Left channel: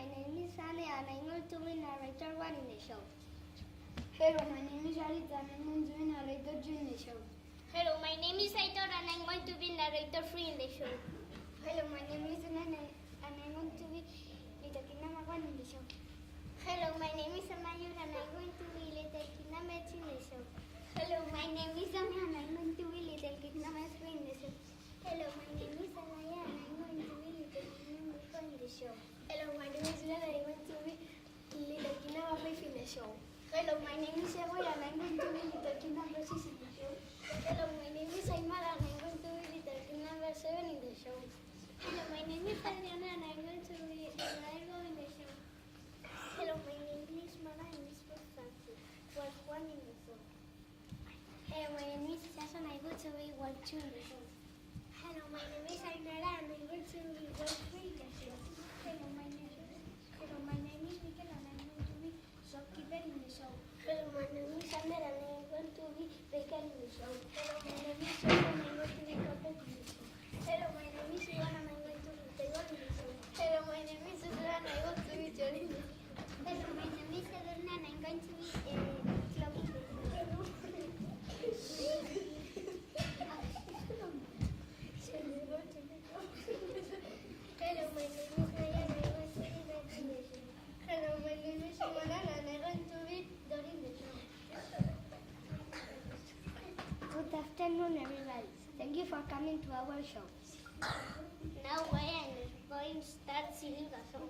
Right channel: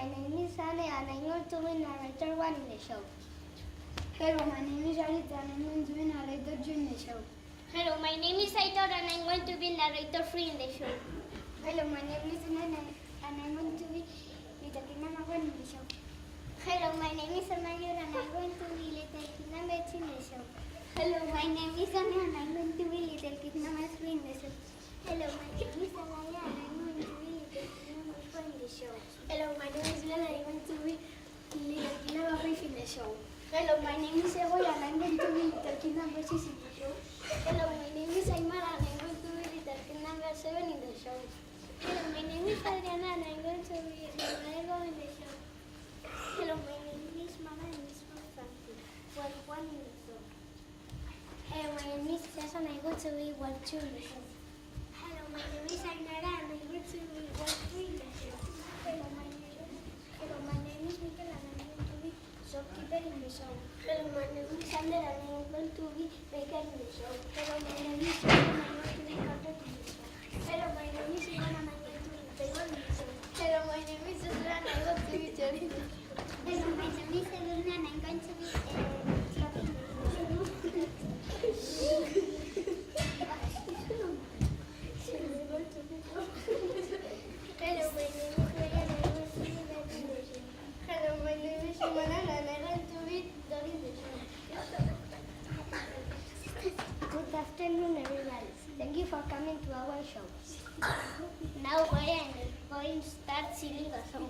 my name is Anne and I'm going to be narrator one in the show. Hello, my name is Arita and I'm going to be narrator 2 in the show. Hello, my name is Aitor and I'm going to be narrator 3 in the show. Hello, my name is Nana and I'm going to be Little Kid number 1 in the show. Hello, my name is Amayor and I'm going to be Little Kid number 2 in the show. Hello, my name is Anne and I'm going to be Little Kid number 3 in the show. Hello, my name is Alaya and I'm going to be Little Kid number 4 in the show. Hello, my name is Lena and I'm going to be Little Kid number 5 in the show. Hello, my name is Ebola and I'm going to be Little Kid number 6 in the show. Hello, my name is Aymara and I'm going to be Little Kid number 7 in the show. Hello, my name is Adriana and I'm going to be Margo in the show. Hello, my name is Mama and it's for Frankie. Well, 1 in the show. Hello, my name is Sasa and I'm going to be 1, 2 in the show. Hello, my name is Ainara and I'm going to be 1, 3 in the show. Hello, my name is Mikel and I'm going to be shopkeeper in the show. Hello, my name is Sander and I'm going to be baker in the show. Hello, my name is John and I'm going to be carpenter in the show. Hello, my name is Ivan and I'm going to be table in the show. Hello, my name is Sandra and I'm going to be Jerry in the show. Hello, my name is Elena and I'm going to be Fluffy in the show. Hello, my name is Ryan and I'm going to be Betty in the show. Hello, my name is Shimona and I'm going to be Dory in the show. Good afternoon, everybody. Thank you for coming to our show. Now we are going to start singing a song.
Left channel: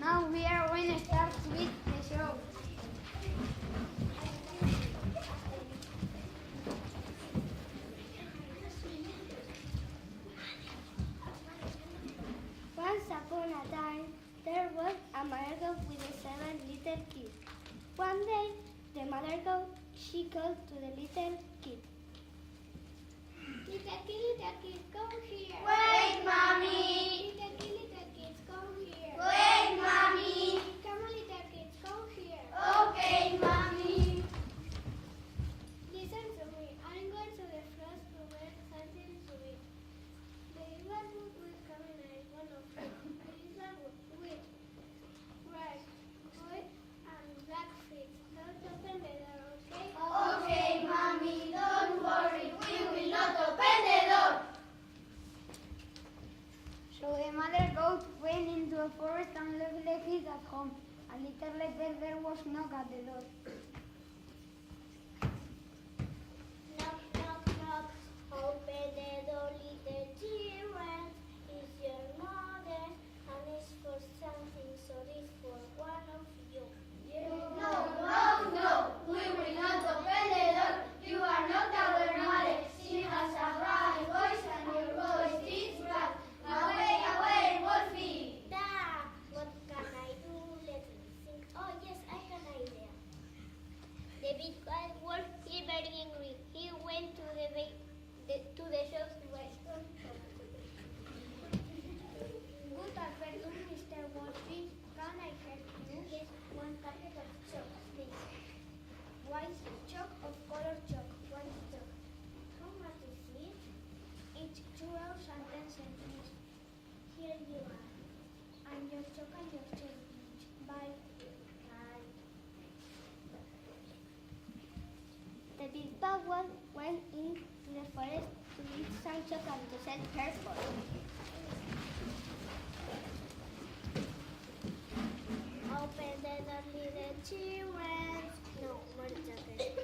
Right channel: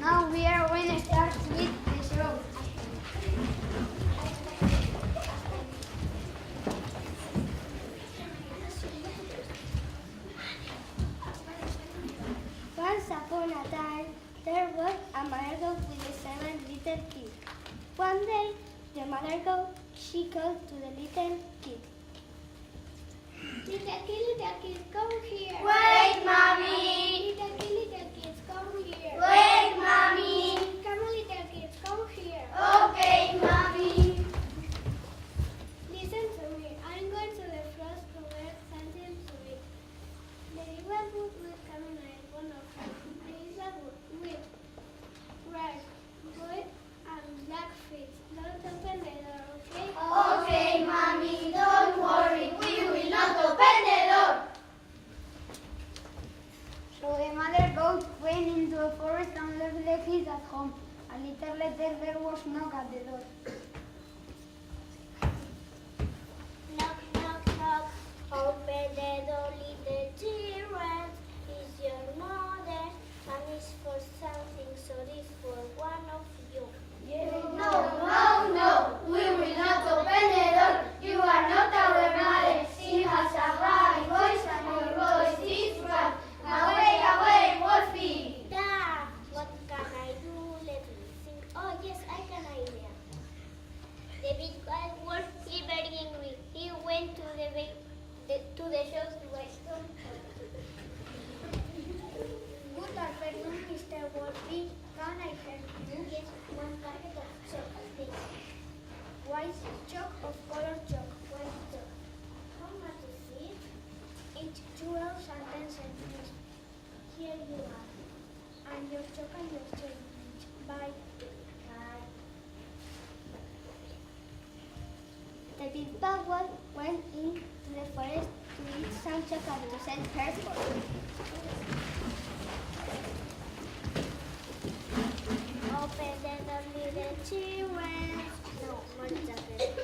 Now we are going to start with the show. Once upon a time, there was a mother goat with 7 little kids. One day, the mother goat, she called to the little kid. Little kids, come here. Wait, Mommy. Little kids, come here. Wait, Mommy. Come on, little kids, come here. Okay, Mommy. Listen to me. I'm going to the forest to get something to eat. The little wood will come in a one of them. The little wood with rice, wood, and black feet. Don't open the door, okay? Okay, Mommy. Don't worry. We will not open the door. Wolf went into the forest to eat some chocolate to set her free. Open the door, little children. No more chocolate.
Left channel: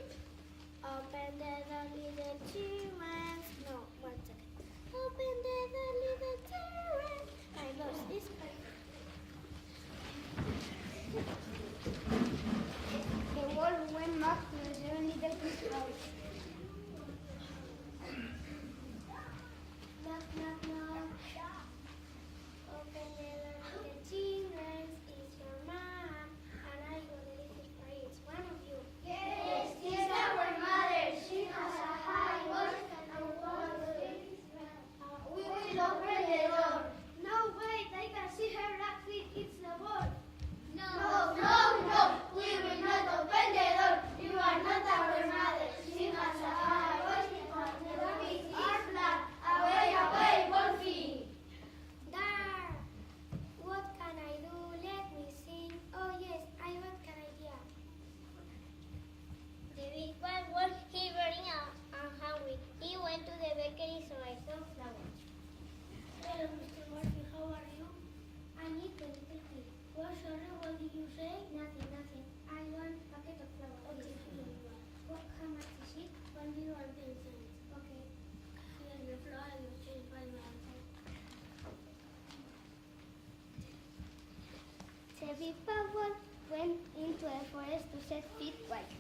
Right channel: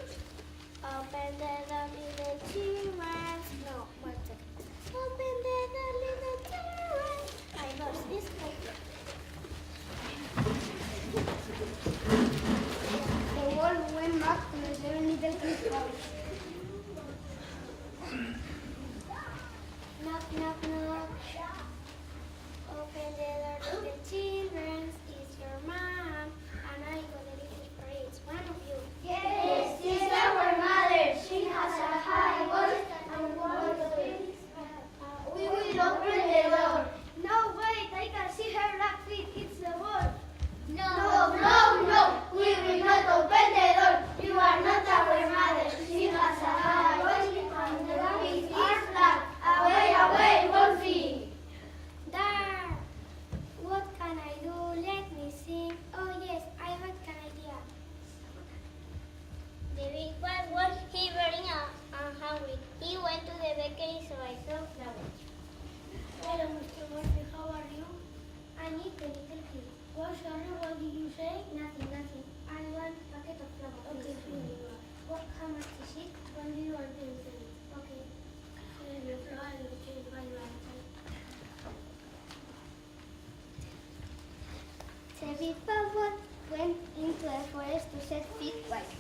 Open the door, little children. No more chocolate. Open the door, little children. My nose is open. The wolf went back to the seven little kids' house. Knock, knock, knock. Open the door, little children. It's your mom. And I got a little for each one of you. Yes, she's our mother. She has a high voice and one of babies. We will open the door. No, wait, I can see her black feet. It's the wolf. No, we will not open the door. You are not our mother. She has a high voice and the baby is black. Away, Wolfie. There! What can I do? Let me sing. Oh yes, I got an idea. The big bad wolf, he very hungry. He went to the bakery to buy some flowers. Hello, Mr. Murphy, how are you? I need the little kid. Oh, sorry, what did you say? Nothing. I want a packet of flowers. Okay, here you are. What, how much is it? 1 euro and 10 cents. Okay. Here's your flower, you change by your answer. The big bad wolf went into the forest to set feet white.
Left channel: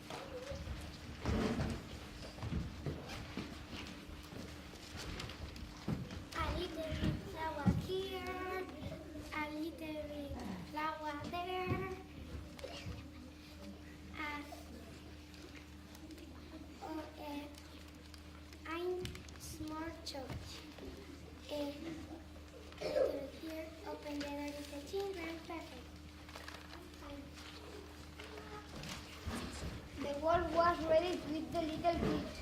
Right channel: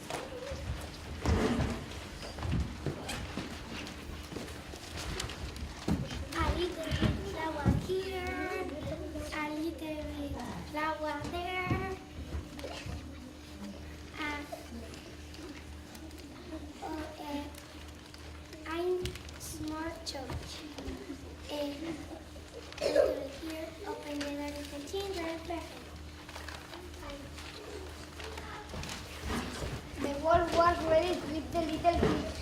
A little bit flower here, a little bit flower there. I'm smart church. Little here, open the door, little children, perfect. The wolf was ready to eat the little kids.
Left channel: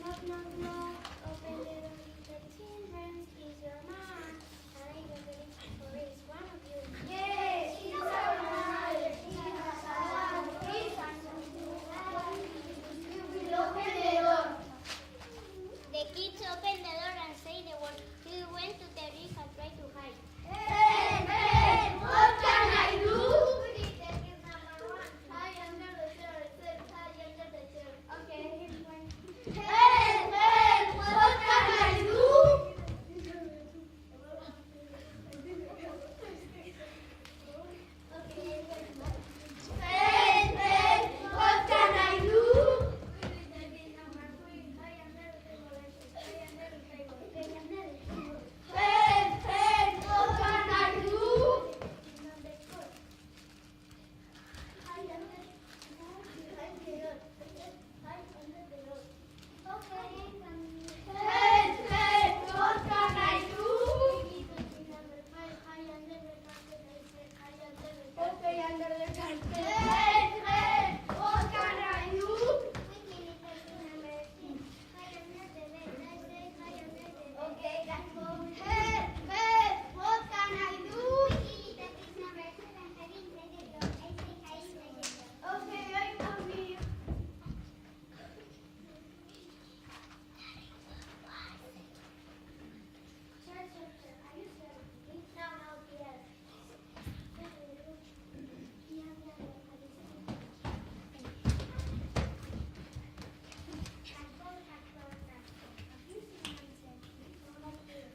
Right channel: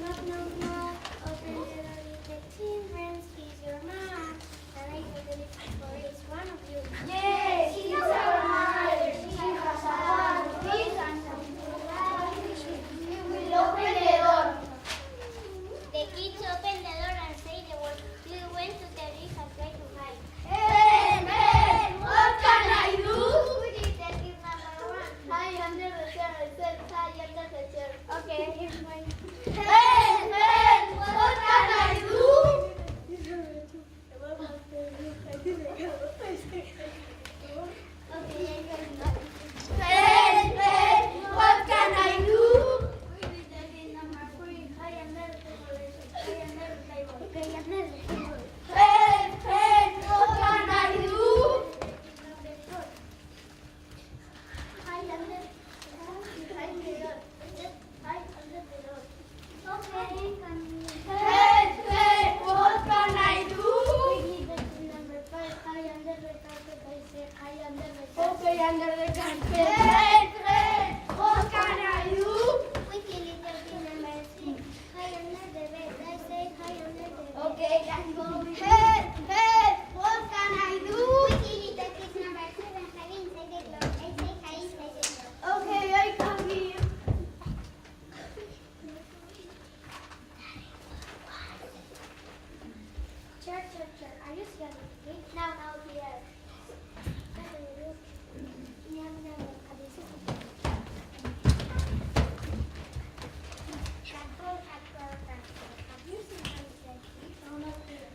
Knock, knock, knock. Open the door, little children. He's your mom. And I got the little for each one of you. Yes, she's our mother. She has a long face and some blue eyes. We will open the door. The kids opened the door and say the word. We went to the big and tried to hide. Hey, what can I do? Who did the kid number one? Hide under the chair. I said hide under the chair. Okay, here's mine. Hey, what can I do? Hey, what can I do? Who did the kid number three? Hide under the table. Okay, under the table. Hey, what can I do? Number four. Hide under behind the door. Just hide under the door. Okay, can you? Hey, what can I do? We need the kid number five. Hide under the carpet. I said hide under the carpet. Okay, under the carpet. Hey, what can I do? Wiki little kid number six. Hide under the bed. I said hide under the bed. Okay, let's go. Hey, what can I do? Wiki little kid number seven. Hide inside the door. I said hide inside the door. Okay, I come here. Sure. Are you scared of me? No, dear. Have you seen any selfies? No, not here.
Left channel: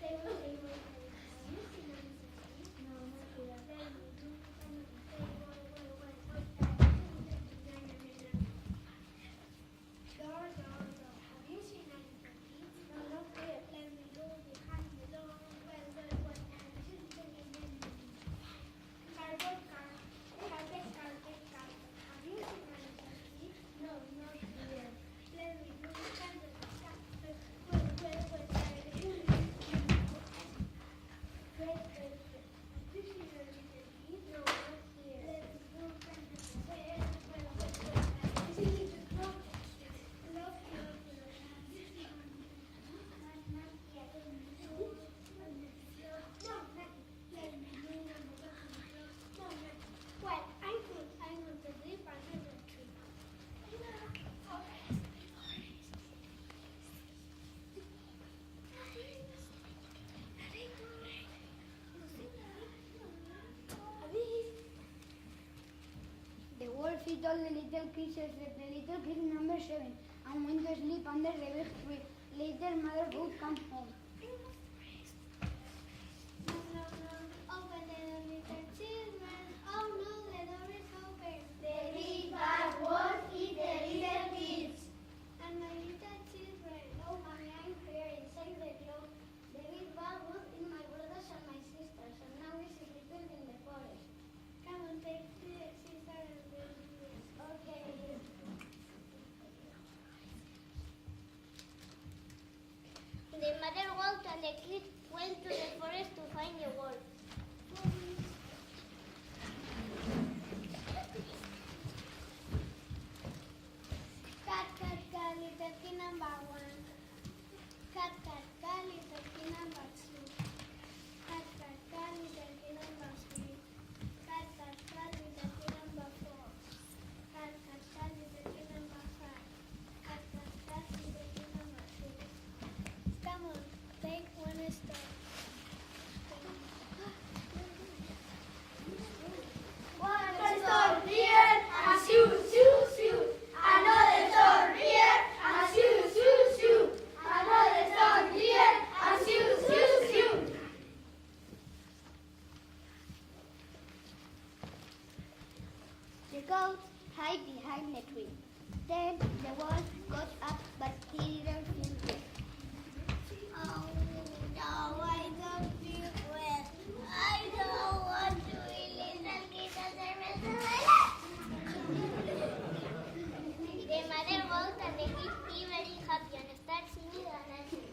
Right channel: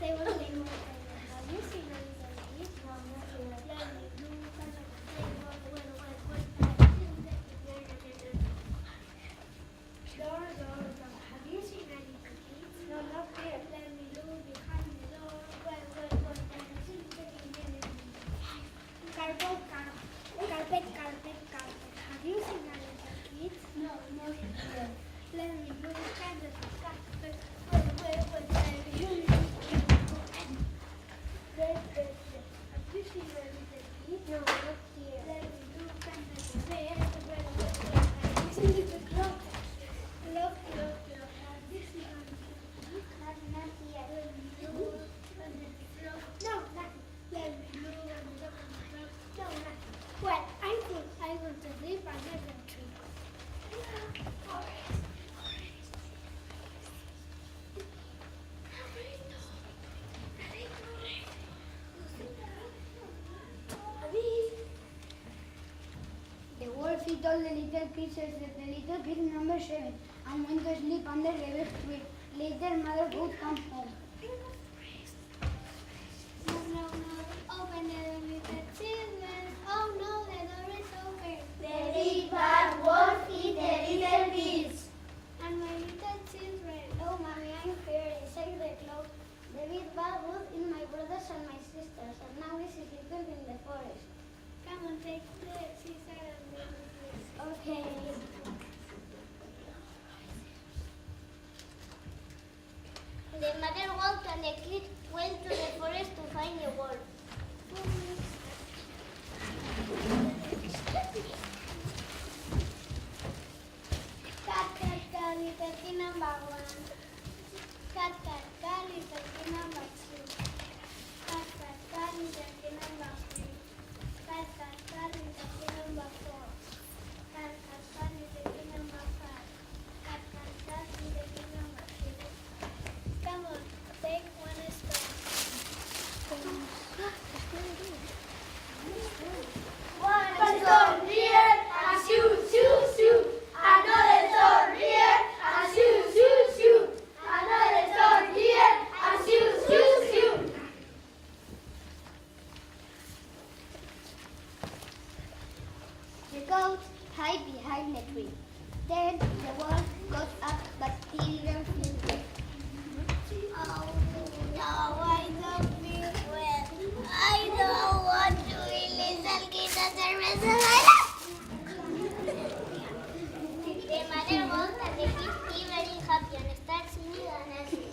They will play more. Have you seen any selfies? No, not here. Let me do kind of a thing. Door. Have you seen any selfies? No, not here. Let me do behind the door. Carpet. Have you seen any selfies? No, not here. Let me do kind of a carpet. Have you seen any selfies? No, not here. Let me do kind of a bed. Have you seen the clock? Look. Have you seen any selfies? Not here. Let me do kind of a float. No, the little kid says that the little kid number 7 and went to sleep under the roof tree. Later, mother would come home. No, no, no, open the door with the children. Oh no, the door is open. The big bad wolf eat the little kids. And my little children. Oh, mommy, I'm here inside the cloak. The big bad wolf eat my brothers and my sisters, and now he's sleeping in the forest. Come on, take the scissors and the Okay. The mother walked and the kid went to the forest to find the wolf. Cat, cat, cat, little kid number 1. Cat, cat, cat, little kid number 2. Cat, cat, cat, little kid number 3. Cat, cat, cat, little kid number 4. Cat, cat, cat, little kid number 5. Cat, cat, cat, little kid number 6. Come on, take one stone. One stone here, and shoot, shoot, shoot. Another stone here, and shoot, shoot, shoot. Another stone here, and shoot, shoot, shoot. The goat hid behind the tree. Then the wolf got up, but he didn't feel well. Oh, no, I don't feel well. I don't want to eat little kids at the rest of my life. The mother walked and the kid be very happy and start singing and dancing.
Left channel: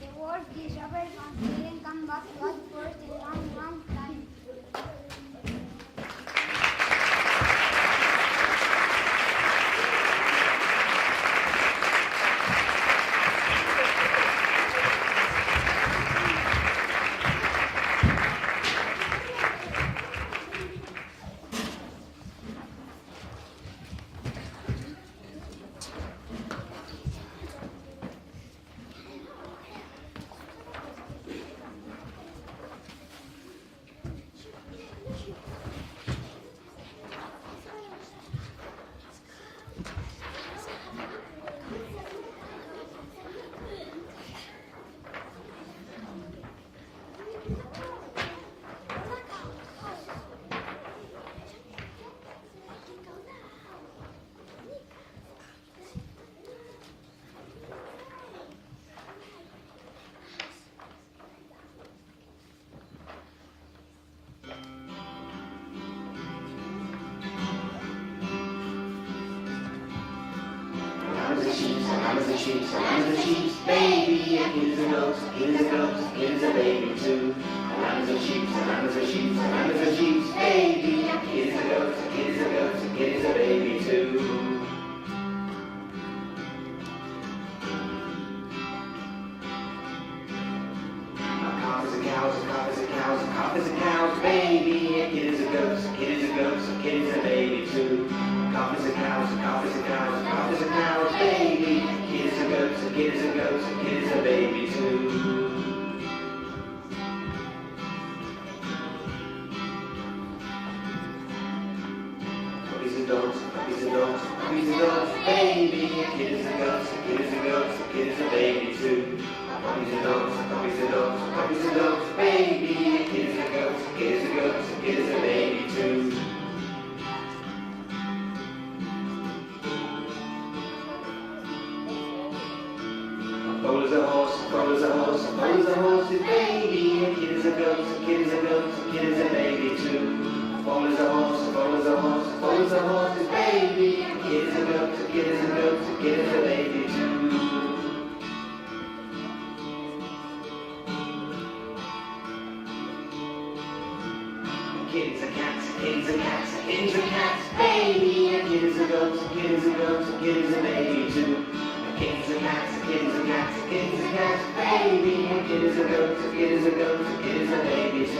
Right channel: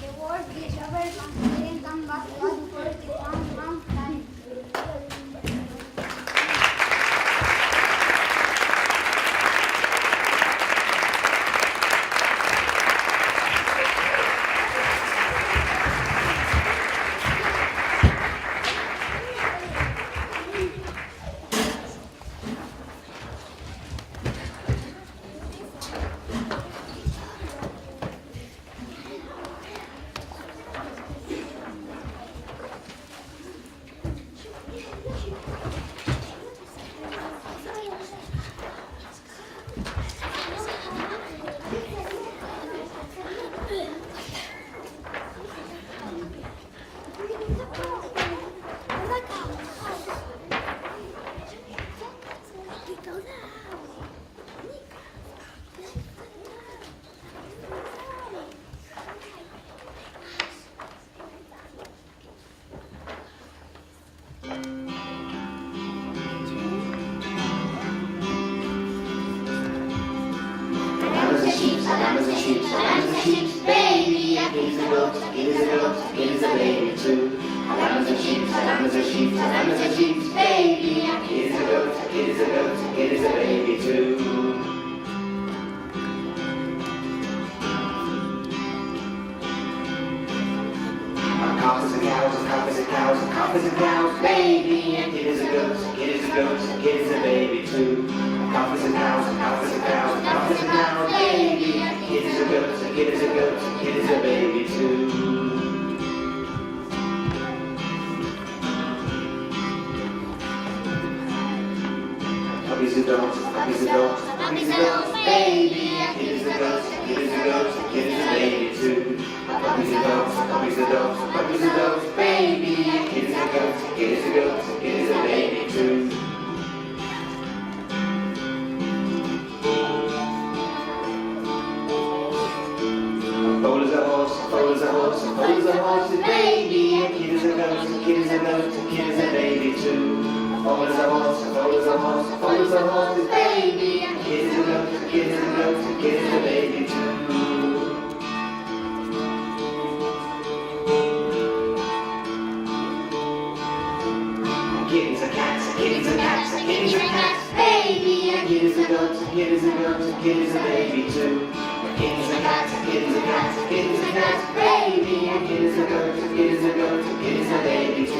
The wolf discovered and didn't come back one for a long, long time. Baby, and here's a goat, here's a goat, here's a baby too. Lambs and sheep, lambs and sheep, lambs and sheep, baby, and here's a goat, here's a goat, here's a baby too. Cows and cows, cows and cows, cows and cows, baby, and here's a goat, here's a goat, here's a baby too. Cows and cows, cows and cows, cows and cows, baby, and here's a goat, here's a goat, here's a baby too. Puppies and dogs, puppies and dogs, puppies and dogs, baby, and here's a goat, here's a goat, here's a baby too. Puppies and dogs, puppies and dogs, puppies and dogs, baby, and here's a goat, here's a goat, here's a baby too. Foal is a horse, foal is a horse, foal is a horse, a baby, and kid is a goat, kid is a goat, kid is a baby too. Foal is a horse, foal is a horse, foal is a horse, a baby, and kid is a goat, kid is a goat, kid is a baby too. Kitties are cats, kitties are cats, kitties are cats, baby, and kid is a goat, kid is a goat, kid is a baby too. Kitties are cats, kitties are cats, kitties are cats, baby, and kid is a goat, kid is a goat, kid is a baby too.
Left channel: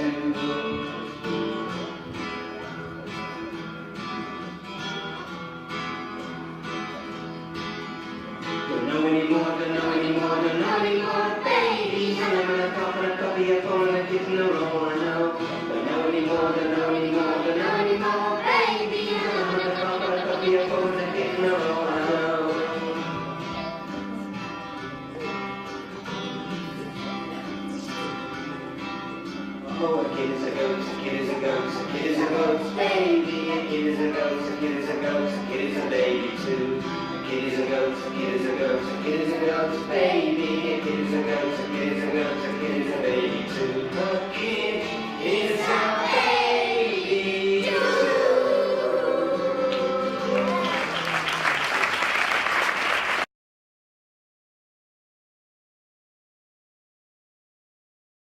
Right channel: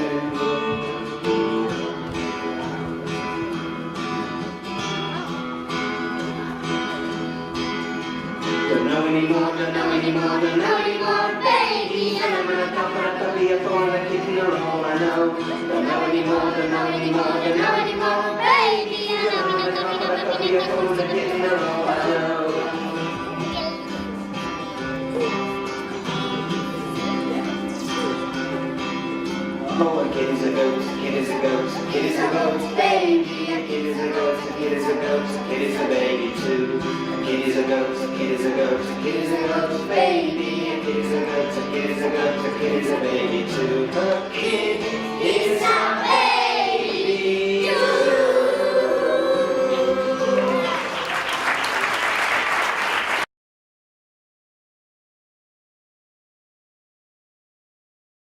But no anymore, don't know anymore, don't know anymore, baby. And I'm gonna talk about the be a phone and kicking a roll, I know. Don't know anymore, don't know anymore, don't know anymore, baby. And I'm gonna talk about the be a phone and kicking a roll, I know. Oh, a kid is a ghost, a kid is a ghost, a kid is a ghost, baby. A kid is a ghost, a kid is a ghost, a kid is a baby too. A kid is a ghost, a kid is a ghost, a kid is a ghost, baby. A kid is a ghost, a kid is a ghost, a kid is a baby too. A kid is a